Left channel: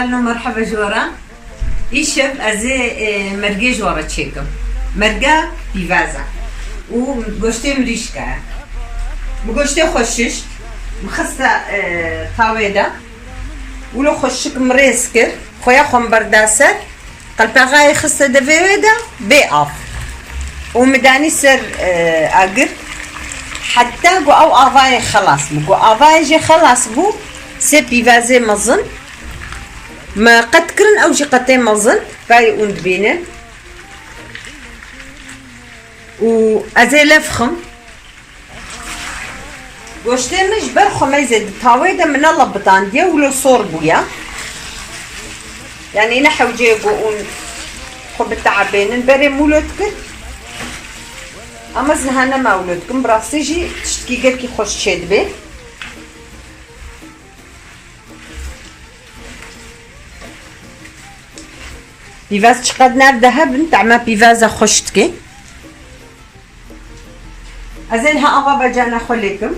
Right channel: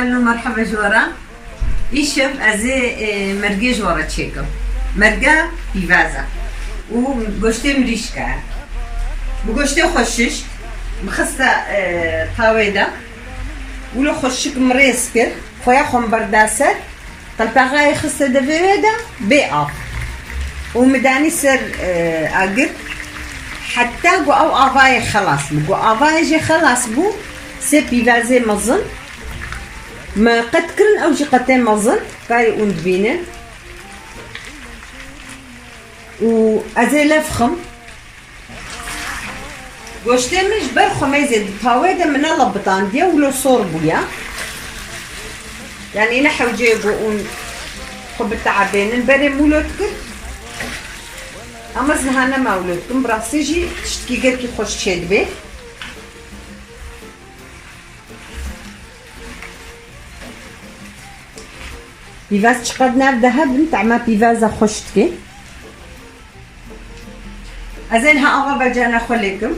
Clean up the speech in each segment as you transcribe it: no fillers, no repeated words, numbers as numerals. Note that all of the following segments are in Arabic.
هفالنا مرحبا جورا يشف أزي مرقى جورا تشيكم مرقى بيفازا وقشتي مريشكا بقشتي خشش مخصة طاويدة ولو خشك مريسكر خويا خم برداسر قلبا غاي خصة دفيويدا بيقف ومداني سر أقر حتى قو أو أفاي خلاص بو أفاي جي خلاص بو سي بيفازي مظن ما قد كرن أو جي قطين مظن باي وندبينن وأزي لفخم قوشتين مش برخو ميزة طاويدة من الله بطاندية ولو صور بويا يعني نحو جيبو خب التعبين بري مولودك اما زهانا مولودكم براسيجي تشتكي كي خوش تشد بي بيفاز تشقد نار دهب نتاع ما بيفازا خوشتكي ازينها اغا بجانا خليكم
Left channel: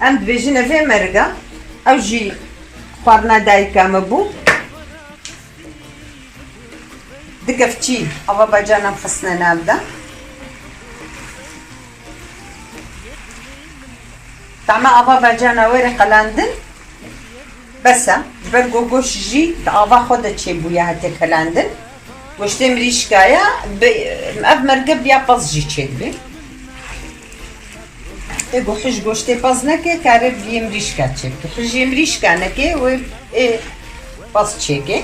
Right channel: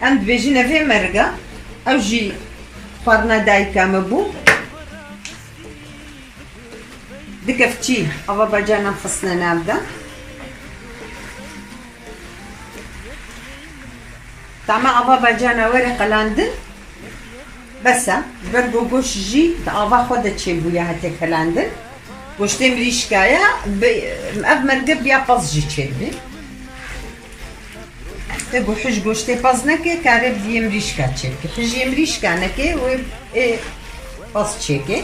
عند بيجينا في مرقة او جي خوارنا دايكا مبو دقفتي أبا بجانا فصلنا نابدا تعمى أبا بجانا ورقة لاندن بس برقو قوش جي أبا خودت شي بويا هتك لاندن وش تمريش كايا مأب مرقب يا باز جي تشيبي تقو حج قوش تبازنكي كارب يمريش كاتشيكي حج يمريش كانكي و باز تشيكي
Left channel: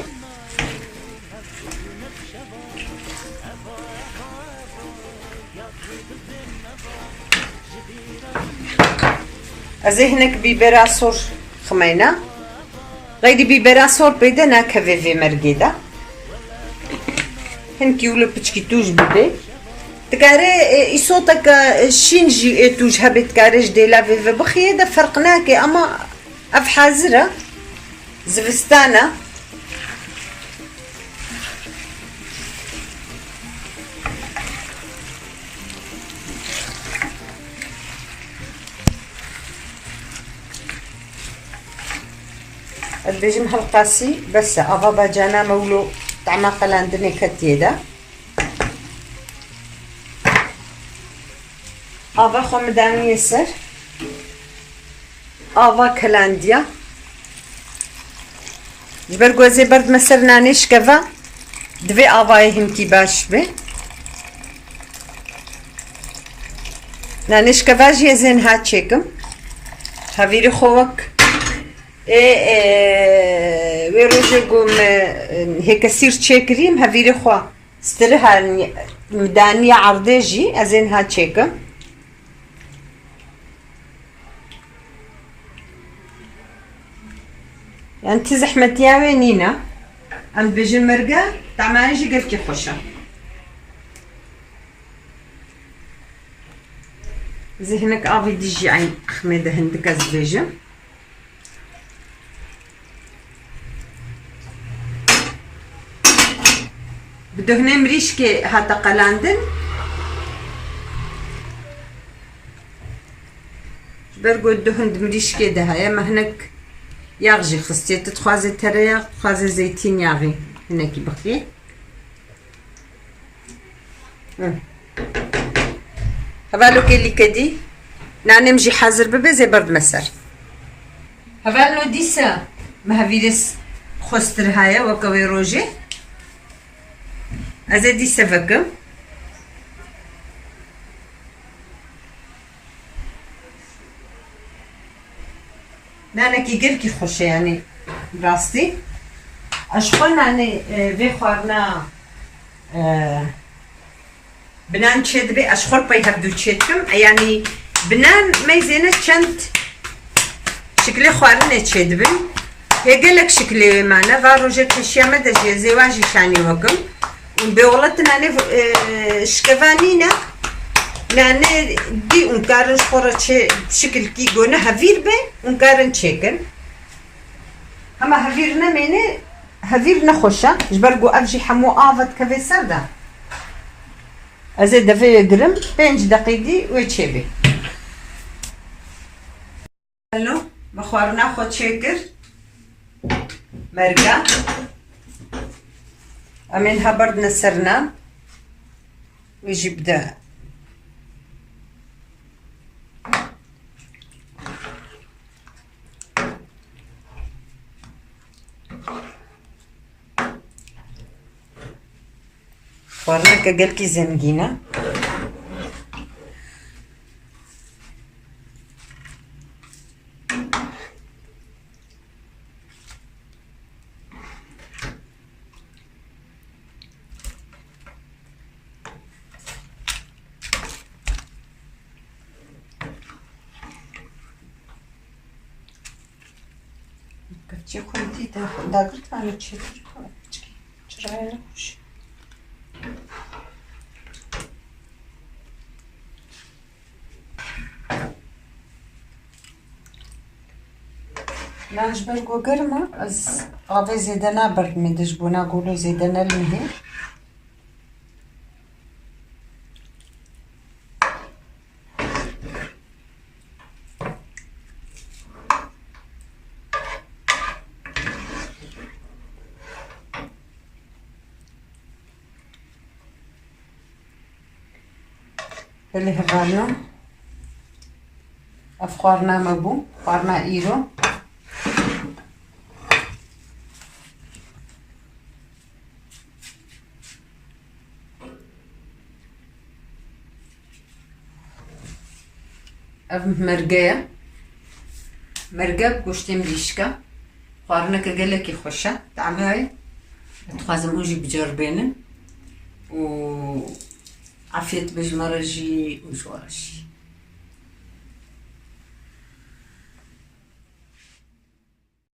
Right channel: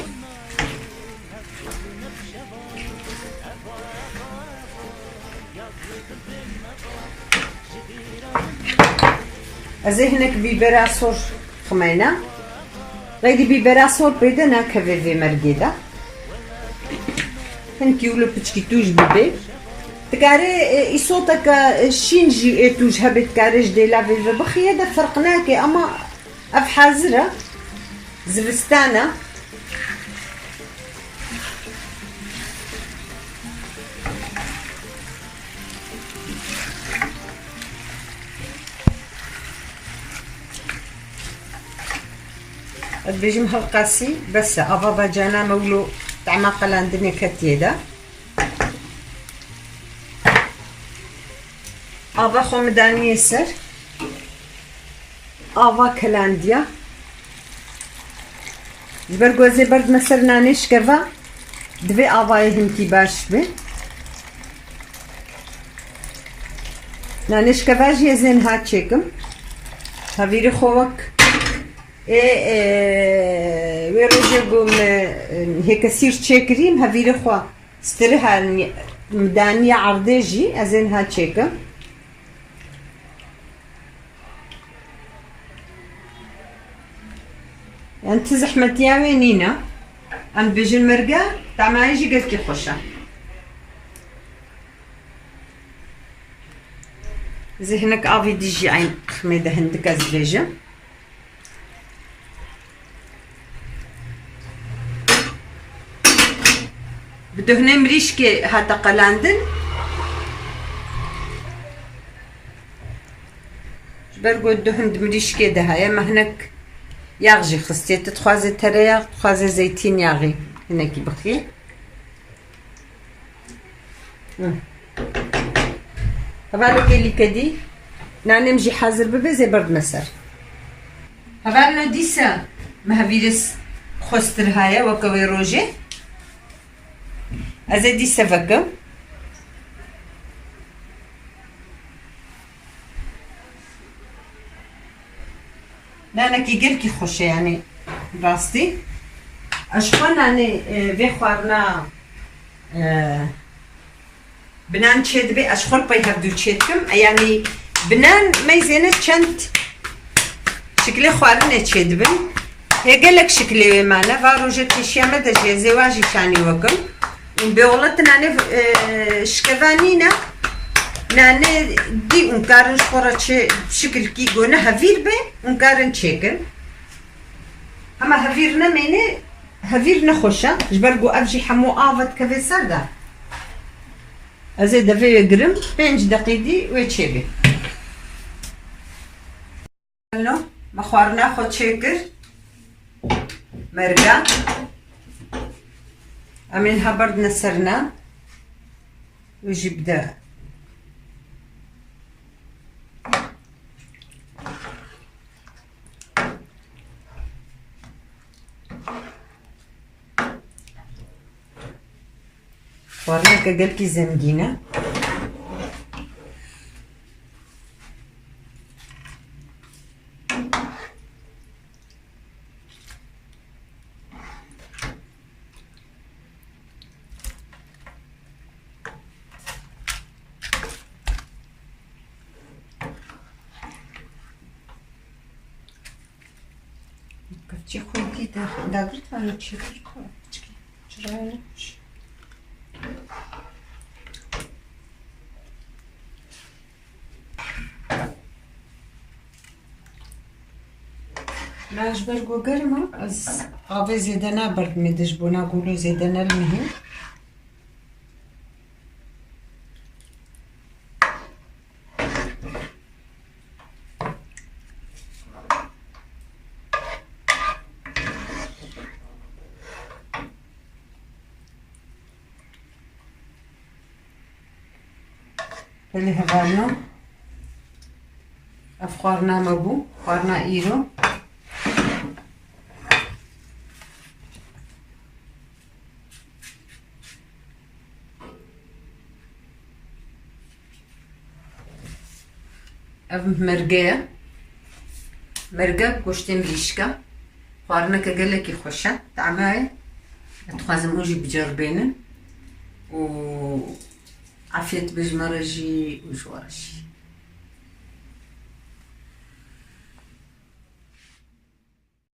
ازهنك بيبراسور خمينا غيدي بيبراسور بيدنا كفيفي مرقيدا هنكي ولو بتشكي توج بدي تكاري يصوتك شينجي توج هبي تكاري جدي لا فيفي بخيدا فرقناكي اما اف حازرة زفستانا البيجم هالقاسي بس أبا جانا مولو طعما قلاندني كتيدا أبا خمداني يسر أبا كلانديا جبرقوزي برد مسر نانيش كفا دبي أبا يهم كي باش بي نانيش كفا جي زين هاتشيكم هافيري خوك ويروجي قوم هيك سير تشيكريم هفيري خوا سترها مدانية عرضيجي ازين ها تشيكم يعني تزحمت يا وينينا ام بيجي المرقة تعمل يجي قلت كي خوشة زي هناك افي ديجي عين خميدة هندك ازبيجم بده هنا مريشكي هاتا قلاندن برقو الدهن مريشكي ده يا ما هناك ياغجي خصتي تتخوازي ترياغ تخوازي زيتين ياغي هناك بخي هفالو كيلي كدي ناني مجي حاضر ببي زي برد مسر هفالو ديسا ما هفيرس خوستر هايا وكوي روجي أزيدي سفقم نانا كي قلكي خوشة يعني راستي أشخون يعني في خوارنا بنان تشد بي أشخون باي هبدو تشدكم يعني بنان ما يزينش كانت شكلي خوارنا تشد بي هي قالك شكلي معنا فاروجت الشيامة دجي زواجي شاني وكم بولتنا نف شكفانينا ناني دي انكارن شخورة شكل كي قونا هفير بي انكارن تشيكن اما هفيرنا ميني هفيرنا خوشة جبرقو افجي حمو آفت كفي سردا ازيد في قرم 5 دقيقة ويتشيبي الو مخوارنا خود شكر مرقة أمينها برد نسرنا ويجي بدا خوارنا كقلكي زنجينة كتشي خويتي دادرت عن تشتر جرايلوش لاش برقو قرمك از غابي زيدنا برد ميدش بونا قولو زيدنا المهم اللي هبالو افخارنا مبو خوارنا ايرو اف مرقه بگوشت مریشکا خوارنا كقلكي خوشه تعماي تخازم اوجي بجربينن و عافية بجمرجي وجوارشي